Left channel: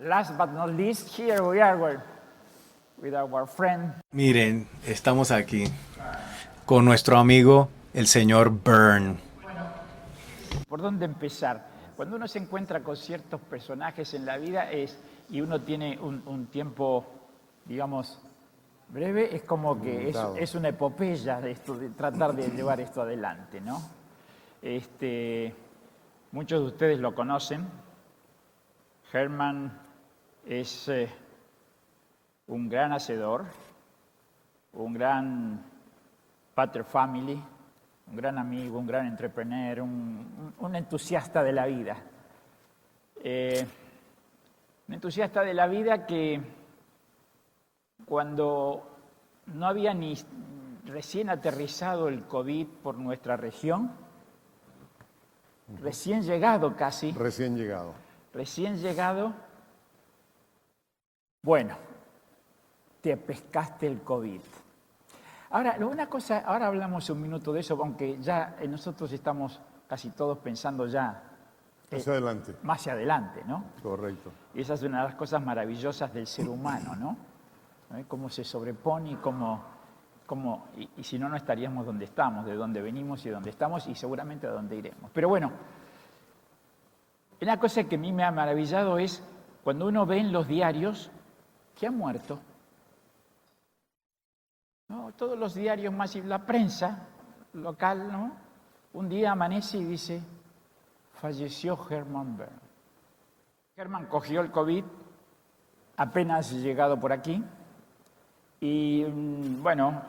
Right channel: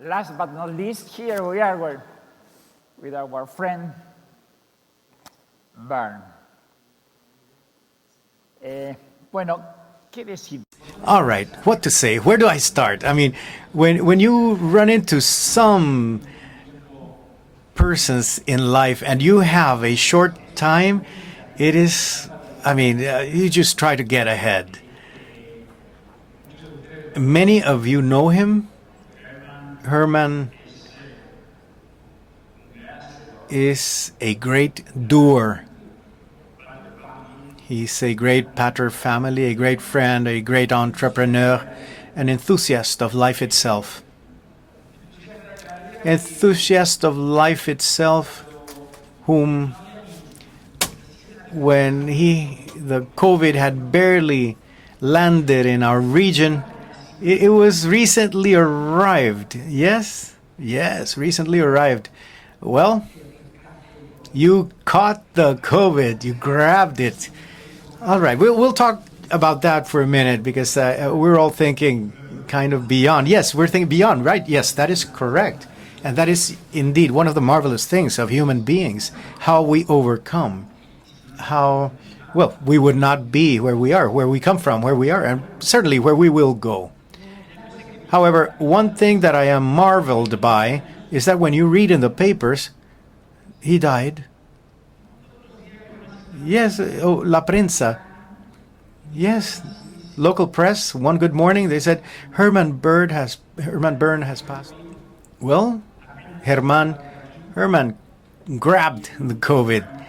last but not least, here we are with our friend Miren, estamos aquí Bern. con nuestro amigo, el señor Bern. Bueno, ¿qué decir? ¿Por dónde All right, empezar? what to say? Where do I start? I mean, when you run into some Un tiempo, persons in life and you have a short time, it is, I mean, you just try to get ahead. muchos de ustedes lo conocen. Many of you know him. Herman Herman es un gran hacedor, is a great doer. pater family, He's a great pater family, a great friend, a great entrepreneur, an enthusiast of life itself. un entusiasta de la vida que Enthusiast of life itself, cuando whom no había ni recién aterrizado when el the por COVID nuestra had región, barely landed in our recién region, llegado casi, it was recently arrived. Yes, recently arrived. Well, te pescaste el COVID. you caught the Ahora, una COVID, cosa, you ahora grabbed hablamos it. un minuto de eso, aunque All right, ya we'll talk nosotros estamos about that for a minute because we're all thinking kind of beyond. Yes, we're thinking beyond, right? Yes, that is correct. And that is indeed one of the marvelous things of human beings, how we overcome. y si no, no estaríamos How, donde estamos, well, de donde we would hemos not sido. be where we are, where we come from, where we are, and certainly where we will go. Una cosa que me ha However, maravillado one es thing that I am cuando uno ve marveled los by diarios, is that when you read in the papers, he died. no, todos los diarios más y la Yes, prensa, oh, la prensa. local, ¿no? Un día Yes, amanece y dice, local press, one good morning, they said Herman Bern has cogió passed. el COVID, Well, apenas Herman, llegado por aquí, Herman grabbed the COVID, bueno,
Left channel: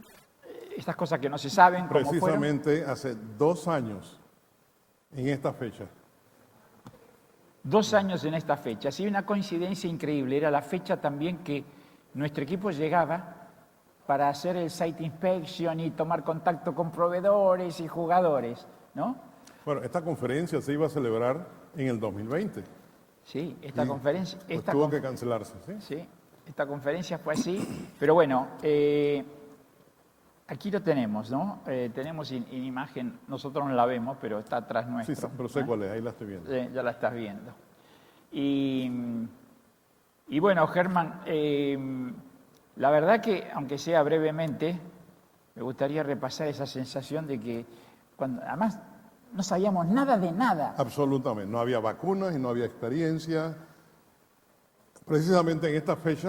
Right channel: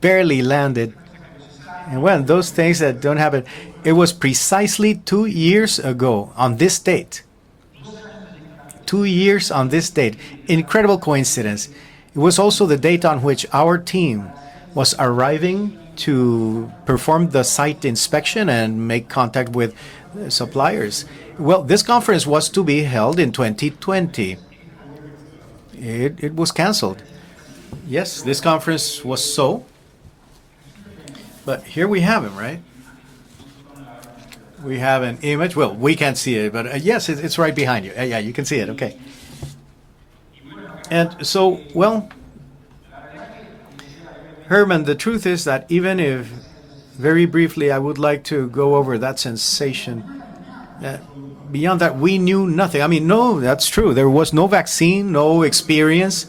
barely landed. esas cosas que no se saben, When those things that don't happen, it was precisely 2 years ago on this date. 2 años en esta fecha. 2 Sí, una years on this coincidencia date. increíble. Era la Incredible fecha también coincidence. que It was also the nuestro equipo date on llegaba which our team para hacer el was site arriving inspection y tomar to contacto con perform the proveedores site y inspection jugadores, and make ¿no? contact with suppliers. Well, this conference was to be held in La 2020. conferencia- esta Tuvo que cancelarse. It was canceled. conferencia fue así, Yes, pero bueno, this conference was so. aquí lo tenemos, ¿no? But here we have him, sin right? imagen, nosotros no la vemos, pero está We atrás have de an nosotros. image. Well, we can't see it, but yes, it's right behind you. Yeah, you can see it. Okay. Y bueno, Herman, And so, well, la verdad que aunque sea brevemente, Herman, the truth is that me even gustaría if repasar esa sensación very de que briefly I would like to cuando go además over that no sabíamos sensation. nada de nada. Absolutamente. Beyond that, we knew nothing. I mean, no, that's true. There was no vaccine, no experience.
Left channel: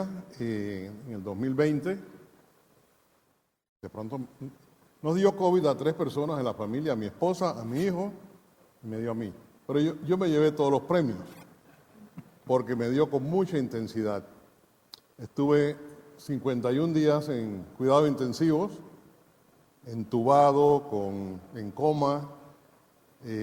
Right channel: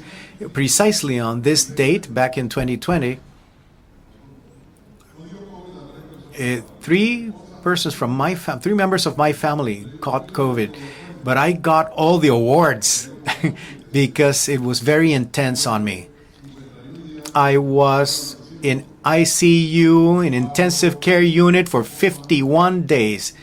Precisely on this date, back in 2020, De pronto nos dio COVID a 3 personas de la familia. mi three esposa, mi persons hijo. from my three members of my family caught COVID, but I got all the awards because it was very intense on me. 51 días en I cuidados was intensivos, in ICU, in intensive care unit for 51 days,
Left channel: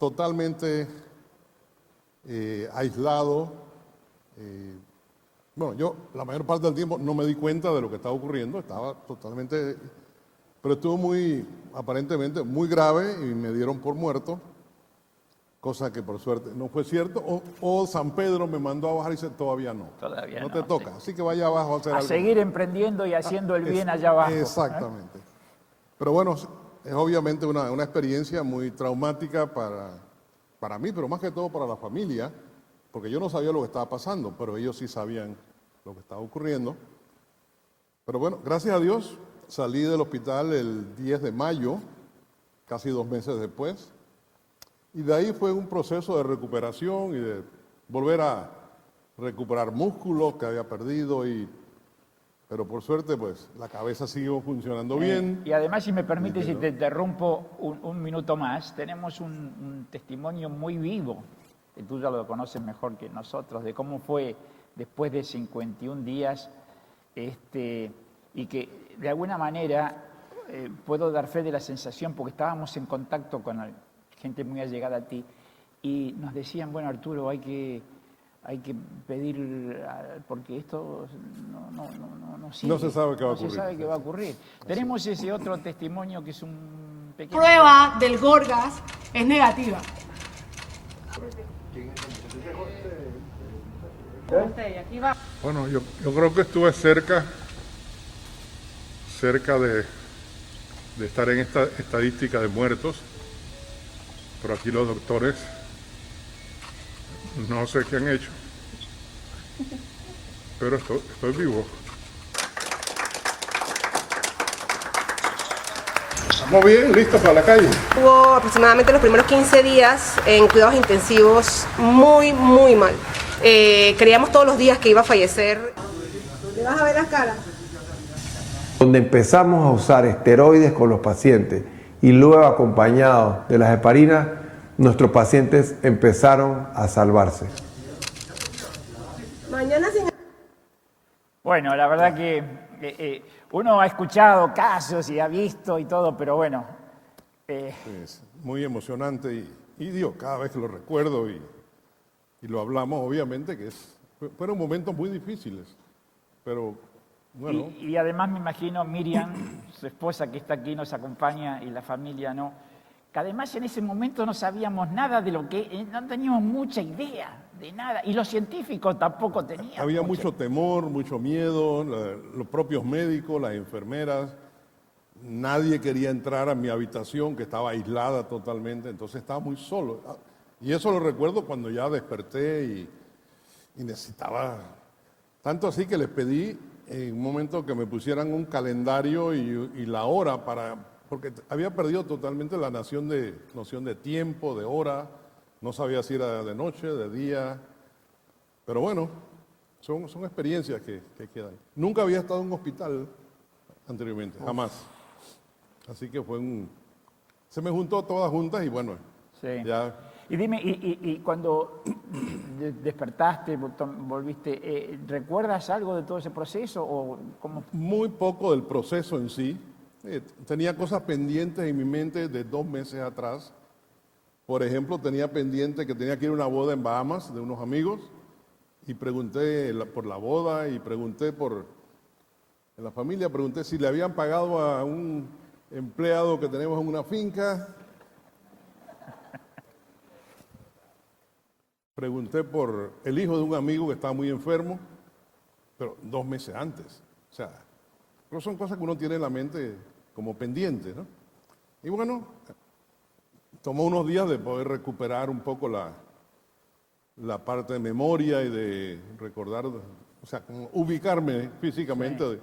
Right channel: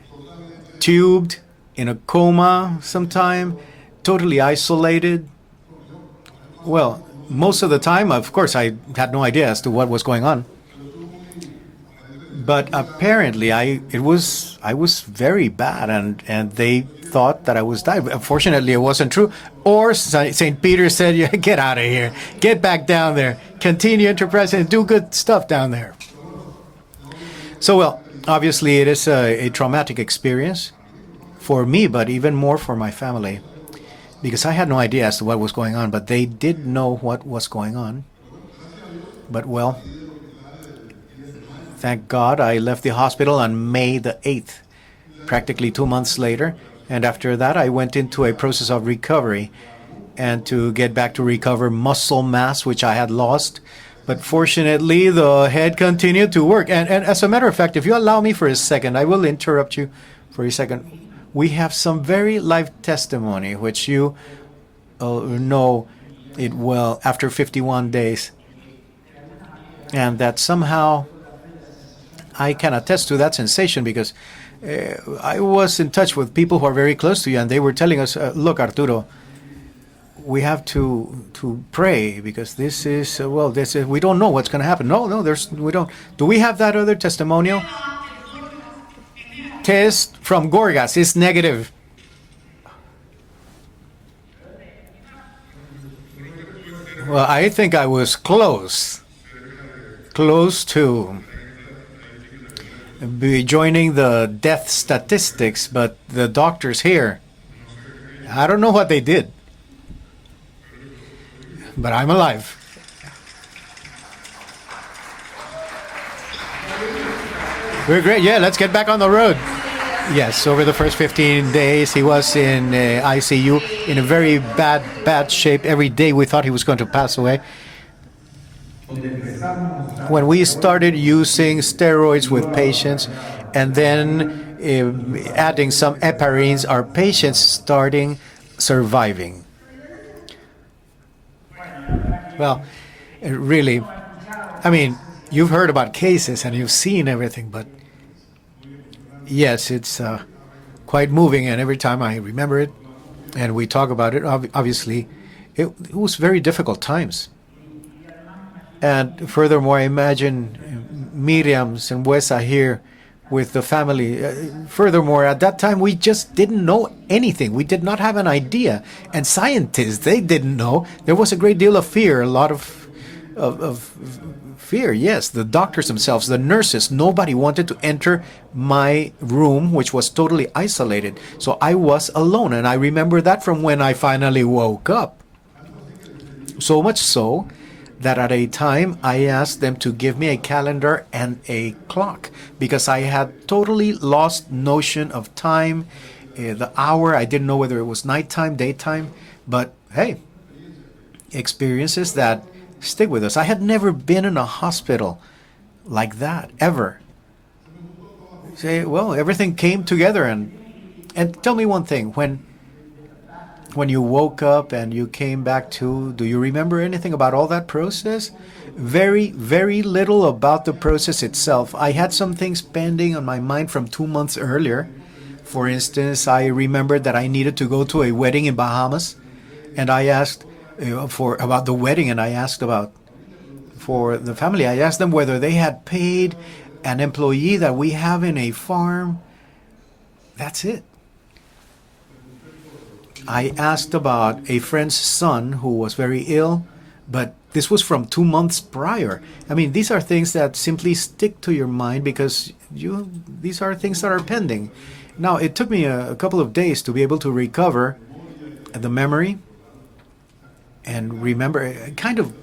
totalmente. tubed, in a coma sometime, totally isolated. Bueno, yo la mayor parte del Well, tiempo no me di most of the cuenta de lo que time, estaba of course, I ocurriendo. had no idea as to what was going on. Pero estuvo muy, aparentemente, muy But grave. apparently, I Poco it was very bad, and they thought that I was dying. Unfortunately, it wasn't true. Or St. Peter said, "Yeah, get out of here, get back down there, continue to press and do good stuff down there." Pero bueno, es obviamente una So, well, experiencia obviously, muy it is a traumática traumatic experience para mí, pero más que todo for para me, la but familia, even more for my porque yo no family, sabía lo que estaba pasando, because pero I had no ellos idea as to sabían. what was going on, but they did know what was going on. Pero bueno, gracias a Dios, But, well, salí del hospital el 10 de mayo. Thank God I left the hospital on May the 8th. Y de ahí fue Practically un 2 months proceso de later, recuperación and y after de that I went into volver a process of recovery recuperar músculo and que to había get back to perdido y recover muscle mass, Pero por which I had suerte, lost. la cabeza But sigue fortunately, the head continued to work. And as a matter of fact, if you allow me for a second, I will interrupt you for a second. We have some very live testimony, which you know it well after 51 days. y que de alguna manera And that puedo somehow dar fe de la sensación porque I can estábamos en attest to that contacto con sensation because gente muy allegada. I was in touch with people who are very close to you, and they were telling us, look, Arturo, we have to pray because this is, we don't know what's going to happen. No, we don't. Do we have that other testimonial? Prueba del Gorgas es negativa. Test from Gorgas is negative. Bueno, yo creo que estuve cerca, Well, I think I was close cerca de close to estar en esta estadística de muertos. be joining the death statistics, but the doctors here, No sé qué han hecho, I don't know what they did, pero estoy vivo. but I'm alive. Estamos bien, listos para la calle. We're great. Yeah, let's get back on the road. 15 días Yes, en over the cuidados first 15 intensivos, days, he muy, was in muy mal. ICU in a Creíamos very todos los días que iba a bad fallecer. shape. Every day we thought he was going to pass away. Donde empezamos a usar When we esteroides started con los using pacientes, steroids y luego with patients, acompañados de and las then heparinas, nuestros adding pacientes some empezaron heparines, our a patients salvarse. starting surviving. Bueno, la verdad que Well, uno ha escuchado I mean, casos y ha you've heard visto about todo, pero cases and bueno, you've seen everything, but Muy emocionante. yes, it's Y cada vez que lo recuerdo, quite moving, and every time I remember it, hablamos, obviamente, and we talk about it, obviously, it was very difficult times. y además me imagino And Miriam, furthermore, I Rosa, que imagine está aquí, nos acompaña, Miriam's and Wesa here with the family. Furthermore, at that time, we just didn't know anything. We did not have an idea. And scientists, they didn't know. There was a great deal of fear, a lot of fear, yes. The doctors themselves, the nurses, nobody wanted to enter my room, which was totally isolated. So I was alone, and I remember that from when I finally woke up. Tanto así que les pedí So much en el so momento que me pusieron that at a un time I calendario asked them y to la give me a hora para- calendar and a había perdido clock totalmente la because I noción had de- totally del lost tiempo, de notion hora. of time, No sabía si era de the noche, hour. de I didn't día. know whether it was nighttime, daytime, but Son hey, una experiencia que experiences nunca había that estado en un hospital. stick with us. I had never been in a hospital like that, ever. Se me juntó toda junta y Say, bueno, well, everything came together, dime, and cuando tell me one thing, despertaste, when you woke up and you came back to, do you remember anything about all that process? Very, very little about the process itself. I had some things pending on my mind from 2 months earlier. For instance, I remembered that I needed to go to a wedding in Bahamas, and I asked about the wedding, and I asked about familia pregunté si le for habían the pagado family. I a asked them whether they had paid empleado que tenemos en an una employee finca. that we have in a farm. That's it. Pregunté por el hijo de I un amigo asked que estaba about a enfermo. friend's son who was very ill, but this was from 2 months prior. I mean, these are things that simply stick to your mind because these are things that are pending. Now, it took me a couple of days to be able to La parte de recover memoria y de the memory recordar, o sea, como and ubicarme remember, físicamente kind of de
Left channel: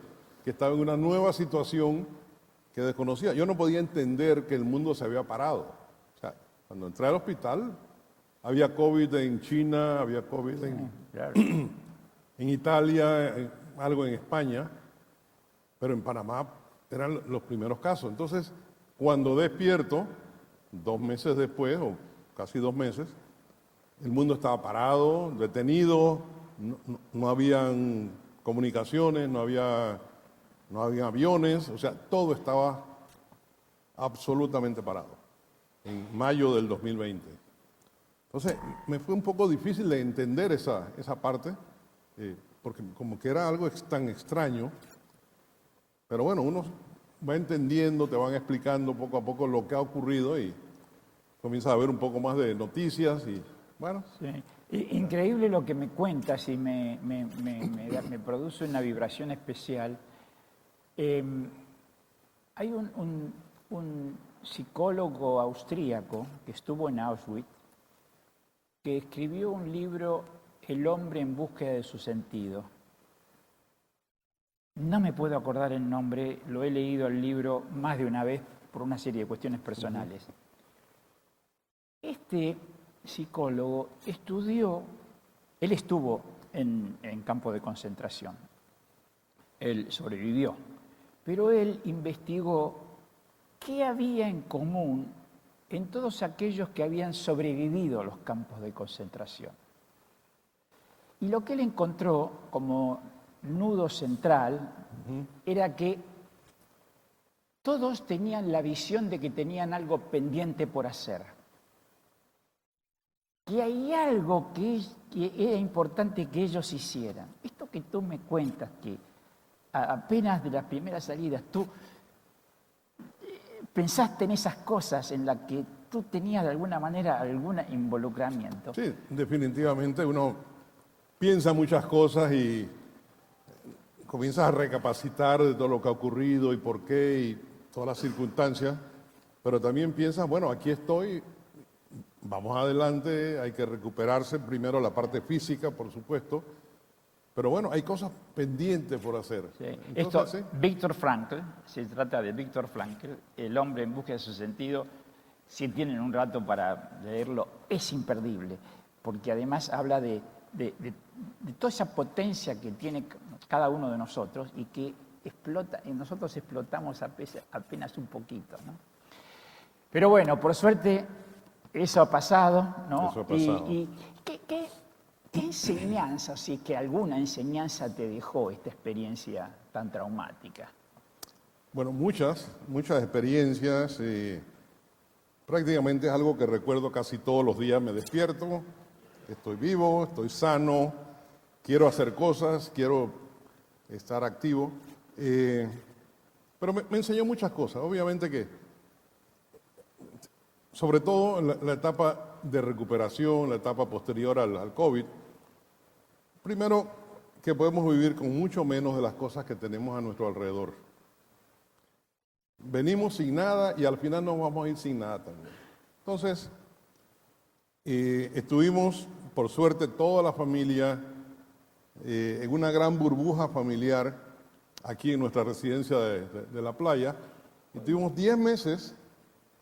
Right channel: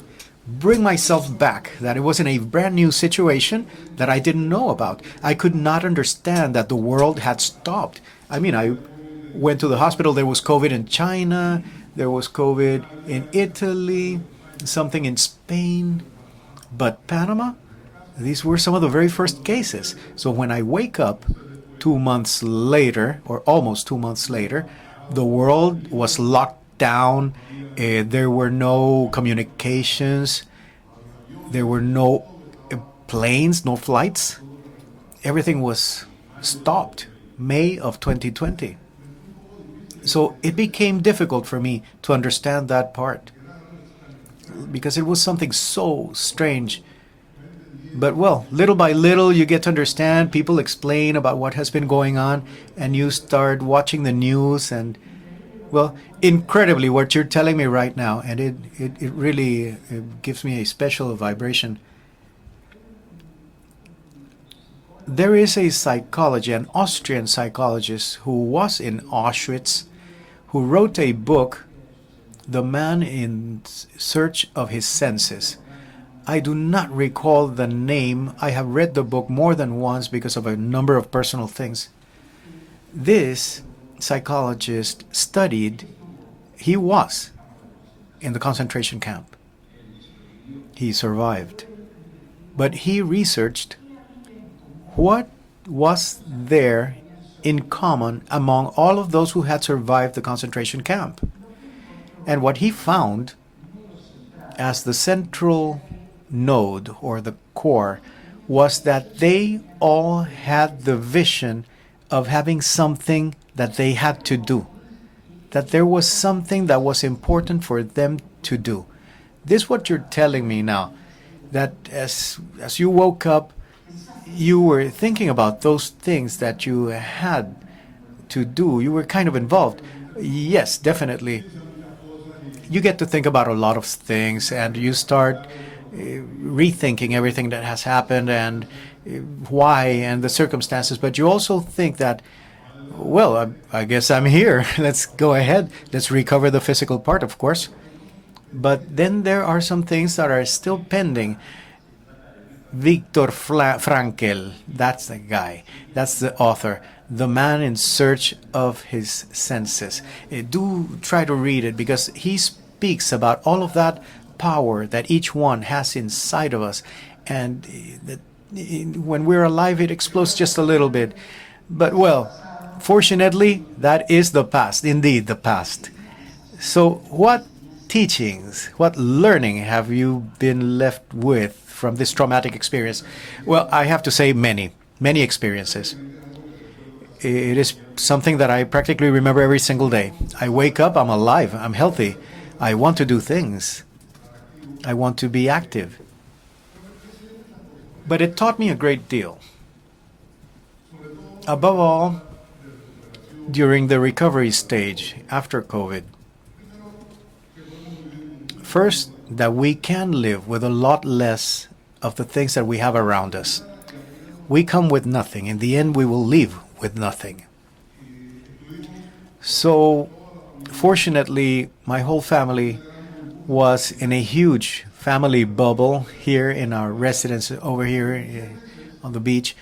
que estaba bring en una myself nueva back, situación that it was in a brand new situation that I didn't know about. I could not understand that the world had stopped. I mean, I went to the hospital, there was COVID in China, there was COVID in Italy, something in Pero en Spain, Panamá but eran los Panama, primeros casos. these Entonces, were some of the very cuando first cases. despierto, So when I wake up 2 meses después, 2 months later, or almost 2 months mundo later, estaba parado, the world detenido, was locked down, no habían there were no comunicaciones, communications, no había aviones, there o were sea, no todo estaba planes, no flights. absolutamente parado. Everything was Mayo del stopped. 2020. May of 2020. Me fue un poco difícil de So entender it became esa difficult parte, for me to understand that part que era algo tan extraño. because it was something so Pero bueno, strange. va entendiendo, But te van well, little by explicando little you poco get lo to que ha understand, ocurrido people y explain about what has been going on, and you start watching the news and, increíble lo que well, me cuentas, incredibly y- what you're telling me right now, and it really gives me a special vibration. Hay un psicólogo There is a austríaco psychologist, an que estuvo en Austrian Auschwitz, psychologist who was que in escribió un Auschwitz, libro, who El wrote a hombre en book, búsqueda de su sentido. The Man in Search of His No me puedo Senses. acordar el nombre, I do lo he not leído el recall libro the más de una name. vez I have por read una the serie book de more cuestiones than once personales. because of a number of personal things. Este This psicólogo psychologist él studied estuvo he was en campo de concentración. in the concentration camp. Él sobrevivió. He Pero survived. él investigó But he researched qué había en común what en was todos aquellos que there habían sobrevivido in al common campo. among all of those who had survived the concentration camp. Y lo que él encontró And what he como found nudo central as the era central que node or the core todos tenían la was visión that de que they tenían algo all pendiente had por the hacer. vision of having something Que that they había had to algo do, que era that there was importante que something ellos that was hacían. important for Esto them me to cuentan do. que This is what you're apenas telling de me las now, primeras salidas, that as you woke up you were thinking about those things that you had to do. You were kind of involved. Yes, definitely. Piensa muchas cosas y You get to think about a lot of things, and you start rethinking everything that has happened and why and the circumstances. But you also think that, vamos adelante. well, hay que I guess I'm here. Let's go ahead. Let's recover the physical part, of course. Hay cosas pendientes But then there are some things that are still pending. Viktor Frankl, that's the guy, that's the author, the man in search of his senses. Do try to read it, because he speaks about all of that power that each one has inside of us. And when we're alive, it explodes just a little bit. But, well, fortunately, that is the past, indeed the past. So what teachings, what learning have you been left with from this traumatic experience? Well, I have to say many experiences. Prácticamente es algo que recuerdo casi todos los It is días. Me something that I practically remember every single day. I wake up, I'm alive, I'm healthy. I want to do things. estar activo. I want to be active. Pero me enseñó muchas cosas, obviamente. But it que, taught me a great deal. sobre todo en la Above etapa all, de recuperación, la during etapa the posterior recovery al stage COVID. after COVID. Primero, que podemos vivir con mucho menos de First, las cosas that que we tenemos a can nuestro live with a alrededor. lot less of the things that we have Venimos around sin us. nada y al final nos vamos We a ir come sin with nada. nothing. In the end, we will leave with nothing. Estuvimos, por suerte, So, toda la familia, fortunately, my whole en una family gran burbuja was familiar in a huge aquí en family nuestra bubble residencia de- here de in la our playa. residence over here Tuvimos 10 meses on the beach.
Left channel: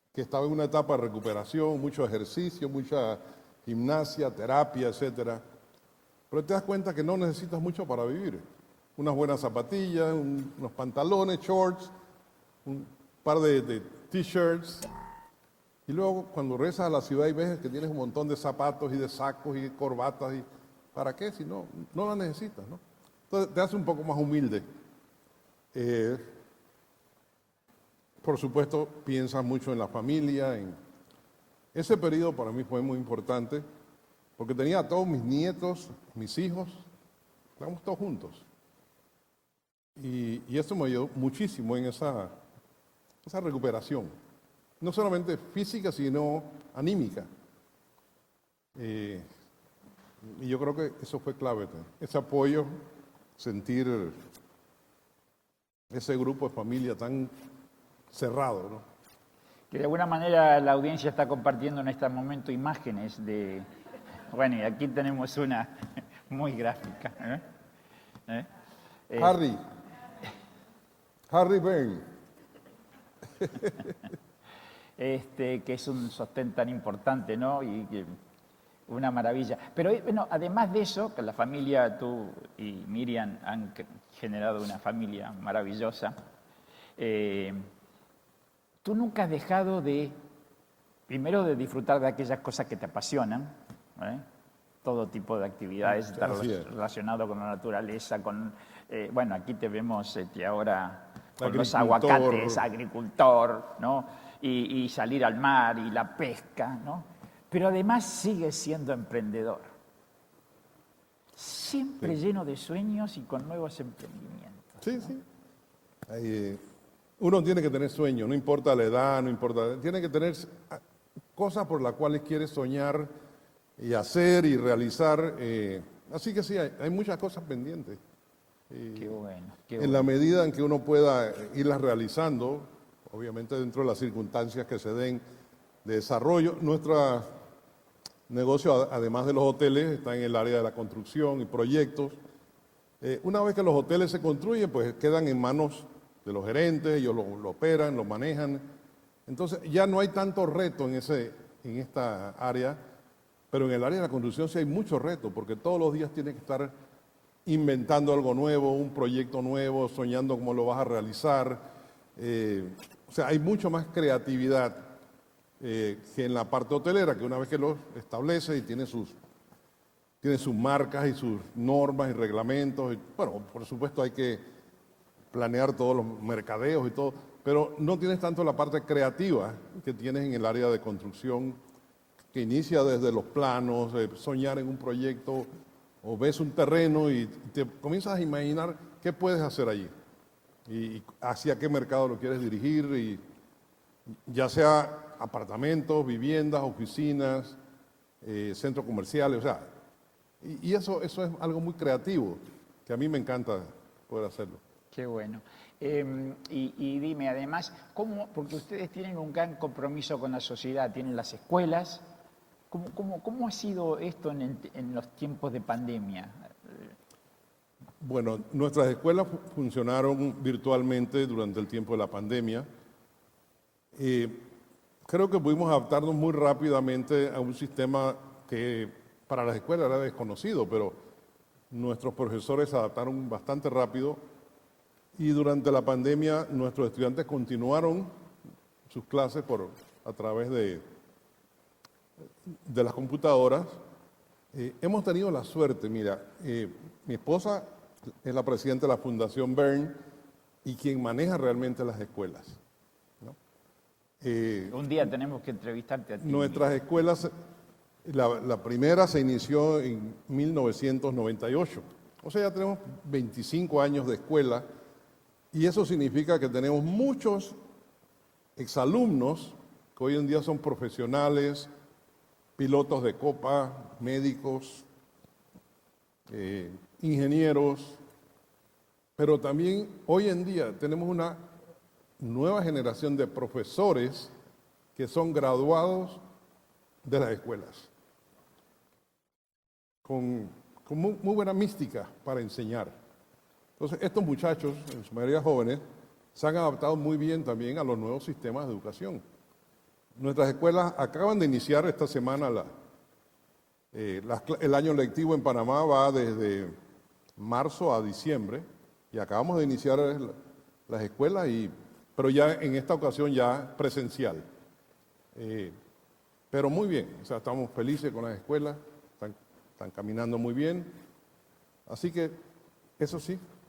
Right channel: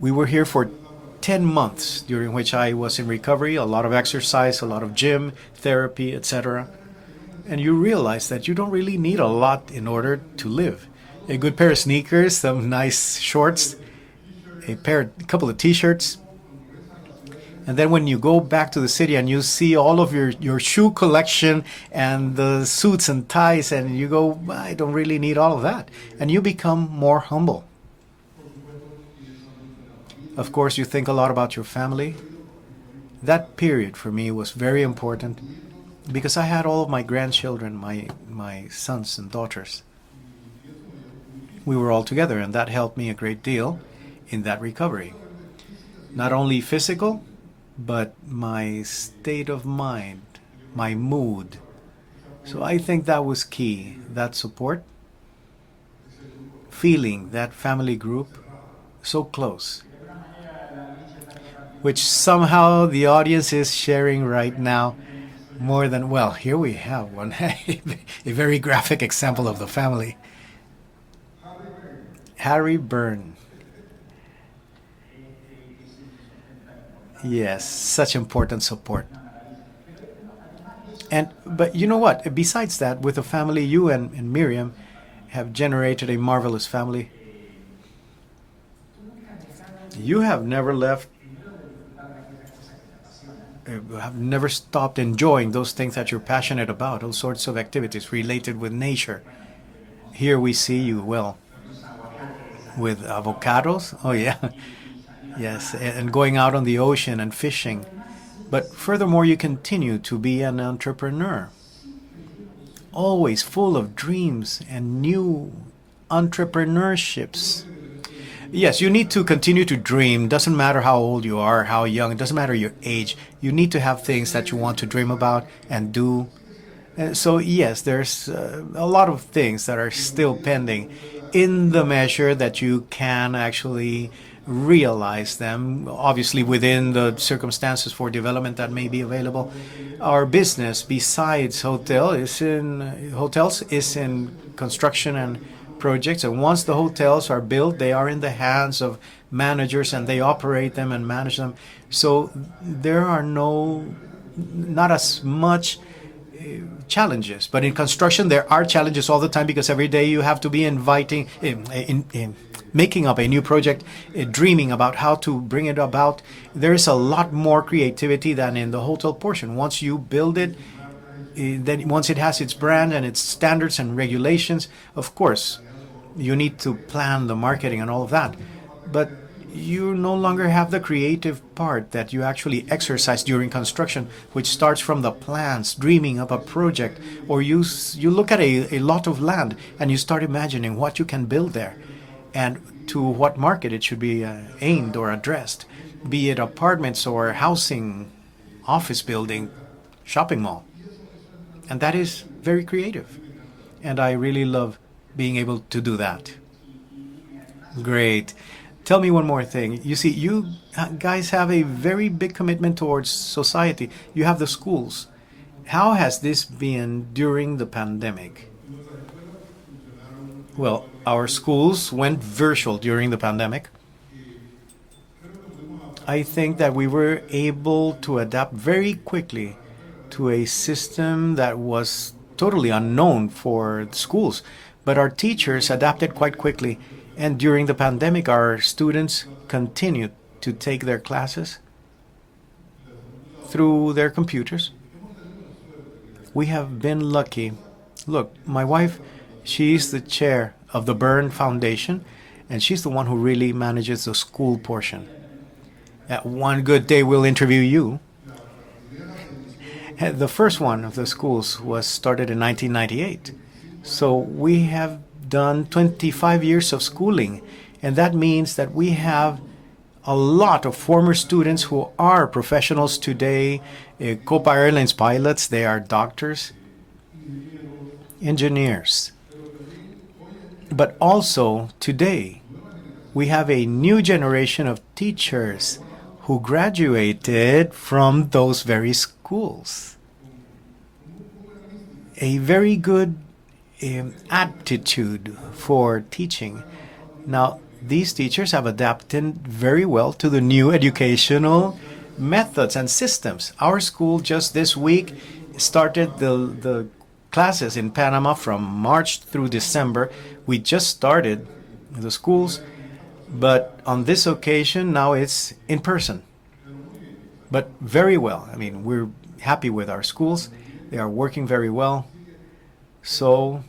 We were here for una etapa de recuperación, 10 months, mucho during which ejercicio, I was in mucha recovery, a lot of gimnasia, exercise, a lot terapia, of gym, etcétera. therapy, Te das etc. cuenta que no necesitas And you mucho para realize vivir. that you don't really Una need a buena lot in zapatilla, order un- to unos live. pantalones, A good pair of shorts, sneakers, some nice par de shorts, t-shirts. a couple of t-shirts. Luego, cuando regresas a la ciudad y ves And then when you un go montón de back to the zapatos, city and you sacos, see all of zapatos, your shoe collection and the suits and ties, and you go, I don't really need all of that. And you become more humble. por supuesto, piensas mucho en la familia. Of course, you think a lot about your Ese family. periodo para mí fue muy importante. That period for me was porque very tenía a todos mis important nietos, because I had all of my grandchildren, my sons and daughters. y eso me ayudó muchísimo. We were all esa- together, and that helped me a great esa deal recuperación. in that No recovery. solamente física, sino Not only physical, anímica. but my state of mind, Y yo creo que my eso fue mood. clave, ese apoyo, So I think that was key, sentir that support, ese grupo de familia feeling tan that family group cerrado, ¿no? so close, De alguna manera la audiencia está compartiendo en which este momento somehow imágenes. the audience is sharing right Bueno, y aquí now tenemos una more than, well, muy here we gráfica. have one, a very graphic example of the family. Harry Bern, Harry Bern, que es un sostén tan importante, ¿no? yes, such important support. Una maravilla. Pero bueno, además de eso, And la familia but you know what? tú Besides y that, with the Miriam family, han you and generado Miriam una familia have generated a maravillosa. marvelous family. Tú nunca has dejado de, You have never left, primero, de disfrutar de aquellas cosas que te apasionan. have never stopped enjoying those things that you're passionate about, all sorts of activities related with nature. Bueno, aquí te vemos Here we ahora see you, well, con los aguacates, with agricultor, avocados, ¿no? oh yeah, y salir al yes, mar. and going out on the ocean and Pero fishing. además sigue But siendo furthermore, you emprendedor. continue to be an entrepreneur, Siempre lleno de sueños. always con full nuevos of dreams and new uno tiene entrepreneurships. que tener sueños, no importa Yes, la you need edad, to no continue importa- to tiene que dream. tener Doesn't matter how old you are, how cosas young, por las doesn't cuales matter your soñar age. You need to y have things hacer that you y want to dream realizar, about and do. así que sí, hay And muchas so, cosas que- yes, there's a lot of things that are En la still medida que uno pending pueda in irlas the measure realizando, that you can dentro de las actually circunstancias que realize se them, den, obviously desarrollo, within the nuestra circumstances for development that negocio, may be además de los available. hoteles, Our el área de business, construcción, besides proyectos. hotel, is in Una hotels, vez que los is hoteles se in construyen, pues, construction quedan en and manos projects. And de once the gerentes y hotels los are built, they operan, are los in the manejan. hands of managers ya no and hay they tantos operate retos them en and ese- manage them. en esta So área, there are pero en no, el área de la construcción sí hay not muchos as retos, porque much todos los días tiene que estar challenges. But in inventando construction, algo there are nuevo, challenges all the proyectos time because every nuevos, day you have to be soñando cómo lo vas a inviting, realizar. making up a hay new mucho project, más creatividad dreaming about how to bring it about. que en la parte There is a hotelera, lot que more nosotros creativity than establece in the y hotel portion. Once you build tiene it, sus marcas y sus then normas once it y has its reglamentos. brand and its Bueno, standards por and supuesto hay que regulations, of course, planear todos los you need mercadeos to y todo, plan the pero marketing and no all tiene that. tanto la parte But creativa you no longer have the creative part that you actually exercise during construction, which starts from the plans, dreaming of a project, or you look at a lot of land and you start imagining what you can build there and to what market it should be aimed or addressed, be it apartments or housing, office building, shopping mall. And that is very creative. And I really love being able to do that. Great. Tell me one more thing. You see, you guys have a very big commitment towards society. You have the schools. How has this been during the pandemic? Well, our schools went virtual during the pandemic. I think that we were able to adapt very quickly to a system that was totally unknown for schools. But our teachers adapted quite quickly, and during the pandemic, our students continued to take their classes through their computers. We have been lucky. Look, my wife, she's the chair of the Bern Foundation, and she's the one who really manages the school portion. One good day, we'll interview you. The first one of the schools was started in 1998. So we have done 25 years of schooling, and that means that we have a lot of former students who are professionals today, Copa Airlines pilots, they are doctors, engineers. But also today, we have a new generation of teachers who graduated from those very schools. A very good aptitude for teaching. Now, these teachers have adapted very well to the new educational methods and systems. Our school just this week started the classes in Panama from March through December. We just started the schools, but on this occasion, now it's in person. But very well. I mean, we're happy with our schools. They are working very well. So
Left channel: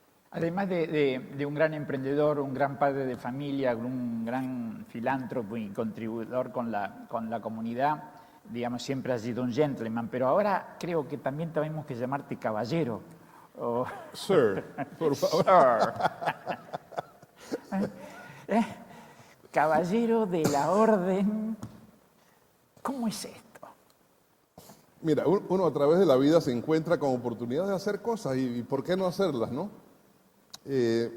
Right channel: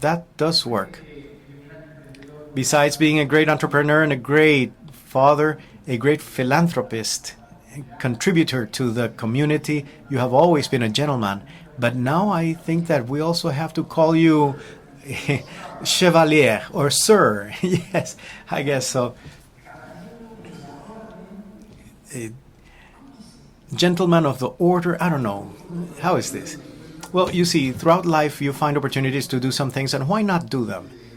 that does work. Besides being a great entrepreneur and a great father, a great philanthropist, contributor to the community, you have always been a gentleman. But now I think that we also have to call you Chevalier or Sir. Yes, I guess so. Caballero de la Orden. ¿Cómo es esto? Gentleman of the order, I don't know. How is this? Well, you see, throughout life you find opportunities to do some things, and why not do them?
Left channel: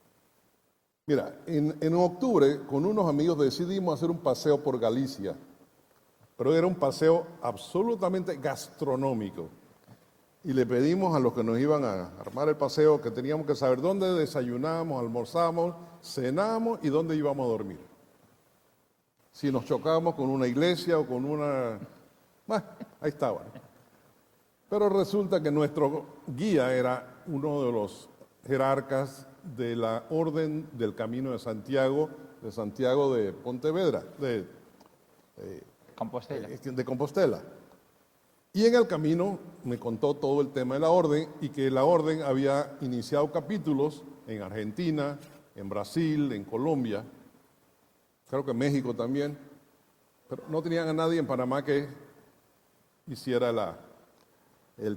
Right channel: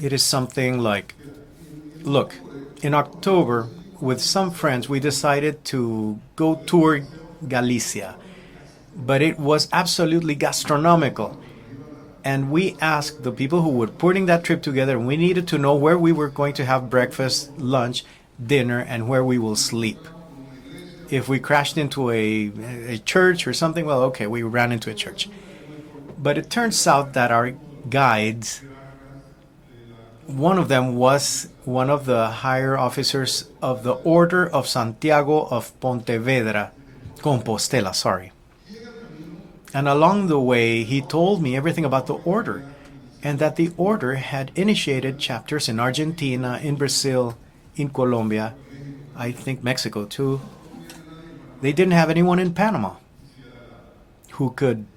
It is something like, look, in October, with some friends, we decided to go tour Galicia, but it was absolutely gastronomical. And we asked the people who were putting that trip together, and we needed to know where we were going to have breakfast, lunch, dinner, and where we will sleep. If we crashed into a church or something, well, okay, we ran into a church. But it turns out that our guides, one of them was one of the higher officers of the Order of Santiago of Compostela, sorry. And along the way, he told me everything about the order, and that the order had initiated chapters in Argentina, in Brazil, in Colombia, I think Mexico too. They didn't have anyone in Panama who could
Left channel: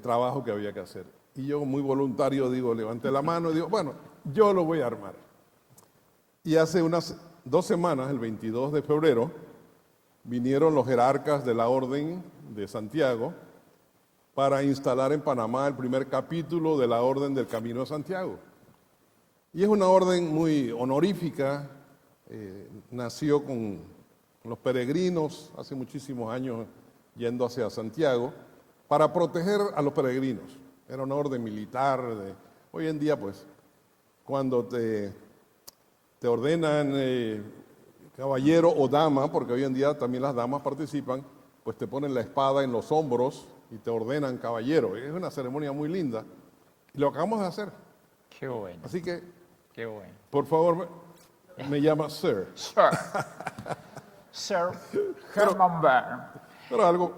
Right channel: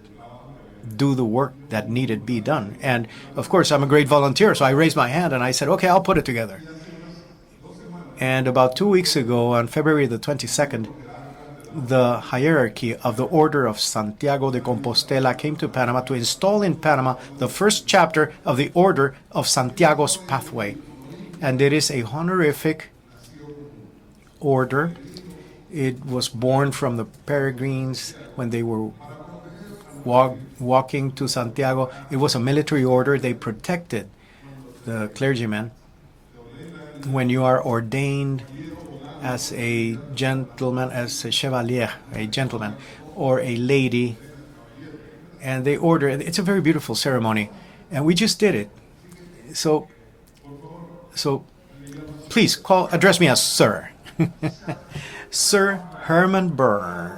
do the work that needed to be done. And of course, I'm a great volunteer, so I raised my hand and I said, okay, I'll put it together. And about 2 weeks ago, on February the 22nd, the hierarchy of the Order of Santiago de Compostela came to Panama to install in Panama the first chapter of the Order of Santiago's Pathway. And it is a honorific order. It was born from the peregrines when they were walking to Santiago. It was a military order. They protected the clergymen. When you are ordained as a gentleman, as a chevalier, a gentleman, or a lady, and they order, it's a very beautiful ceremony, and we just did it. So please address me as Sir. Sir Herman Bern.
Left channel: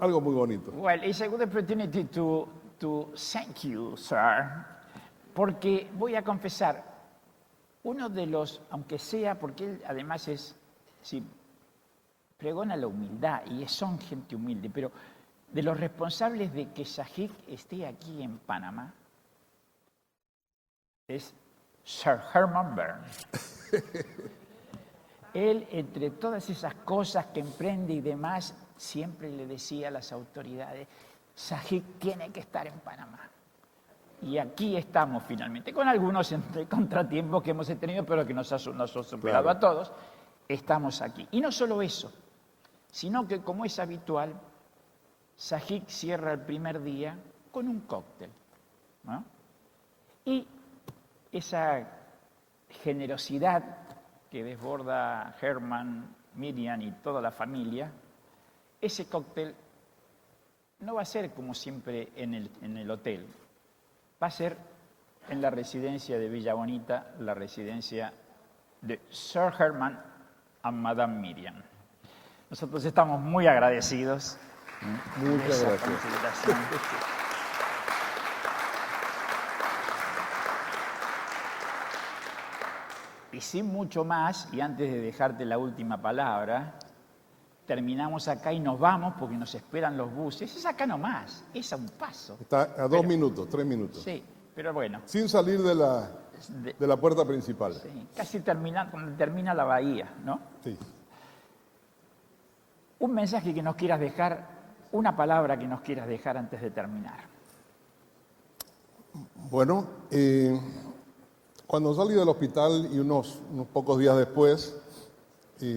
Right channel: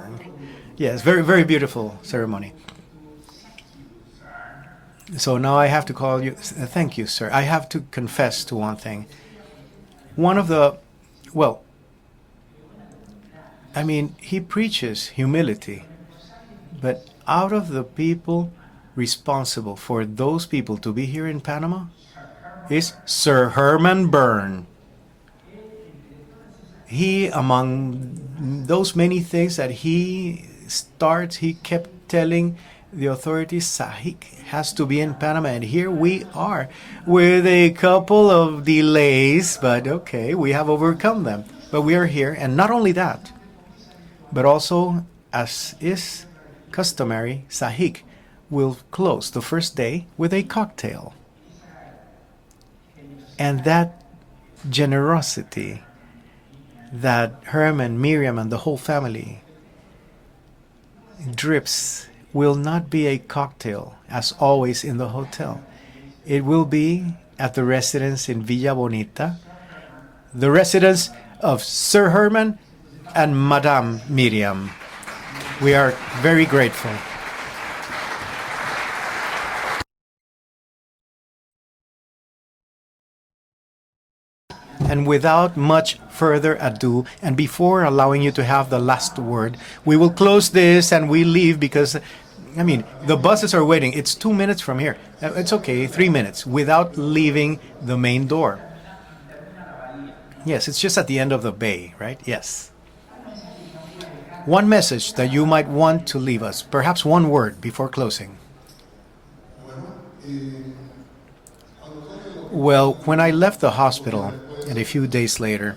Yes, very, very beautiful ceremony. To thank you, sir. So now I have to call you. Thank you, sir. I have to confess to one thing. One of the, well, I mean, he preaches humility, but out of the people responsible for those people to be here in Panama is Sir Herman Bern. He, among those many things that he starts, he kept telling the authorities, SAHIC has to be in Panama, and here we are with a couple of delays, but okay, we have overcome them. But we are here, and not only that, but also, as is customary, SAHIC will close the first day with a cocktail. And that generosity that Herman, Miriam, and the whole family drips will not be a cocktail, as always in the hotel. It will be at the residence in Villa Bonita, the residence of Sir Herman and Madame Miriam. We are very grateful. And without much further ado, and before allowing you to have the last word, we will close this and we leave because, I mean, the buses are waiting. It's 2 minutes from here. It's okay, 3 minutes, without leaving the main door. Yes, it's just at the end of the bay, right? Yes. One message that you might want to leave us, perhaps one word before closing. Well, when I left the hospital, and a few days later,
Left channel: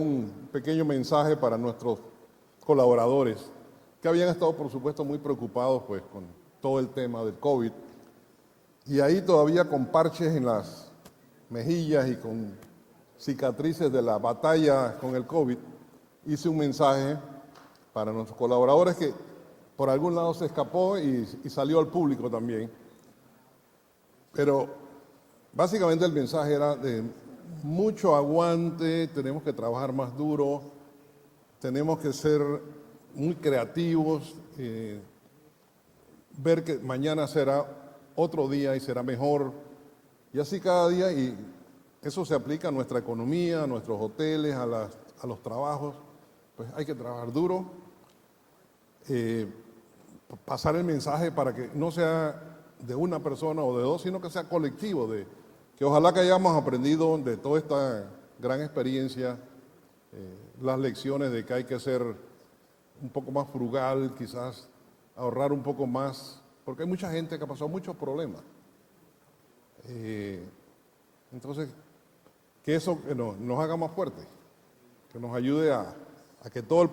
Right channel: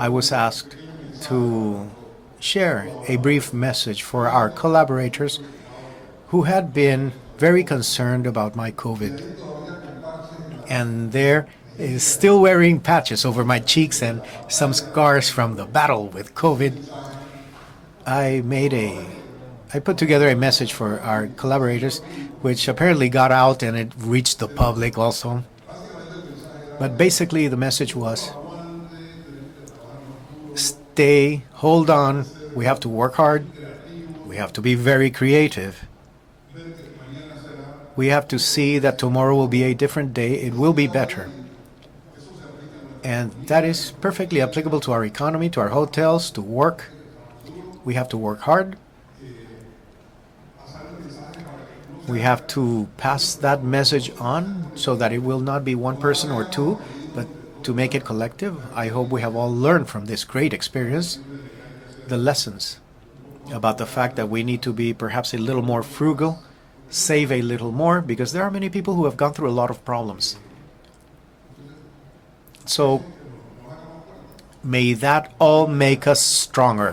I was asked to share a brief message for our collaborators who had been very concerned about my COVID. And they're still wearing patches over my cheeks and some scars from the battle with COVID. I put together a message for our collaborators, which apparently got out and it reached the public also. But basically the message was, stay, hold on, we have to work hard, we have to be very creative. We have to see that tomorrow will be a different day, it will be better. And that is perfectly applicable to our economy, to our hotels, to work. We have to work hard. We have to pass that message on so that it will not be one person or two, but to make it collective. I hope we have all learned from this great experience the lessons about the fact that we need to be perhaps a little more frugal, save a little more, because there are many people who have gone through a lot of problems. So may that all make us stronger.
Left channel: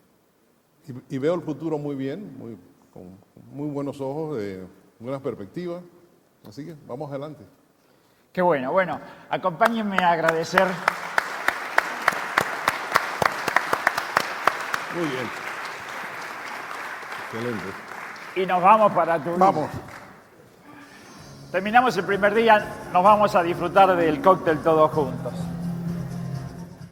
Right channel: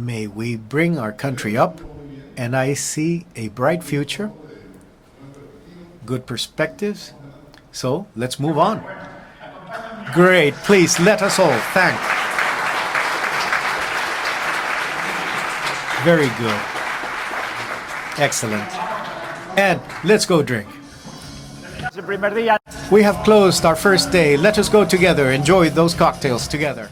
May we bring our country up, and I see a bright future, good perspectives. So let's move on. Great, please let us all thank. Very good. Excellent. And let's go drink. We have closed our first day. Let us go together, enjoy those cocktails together.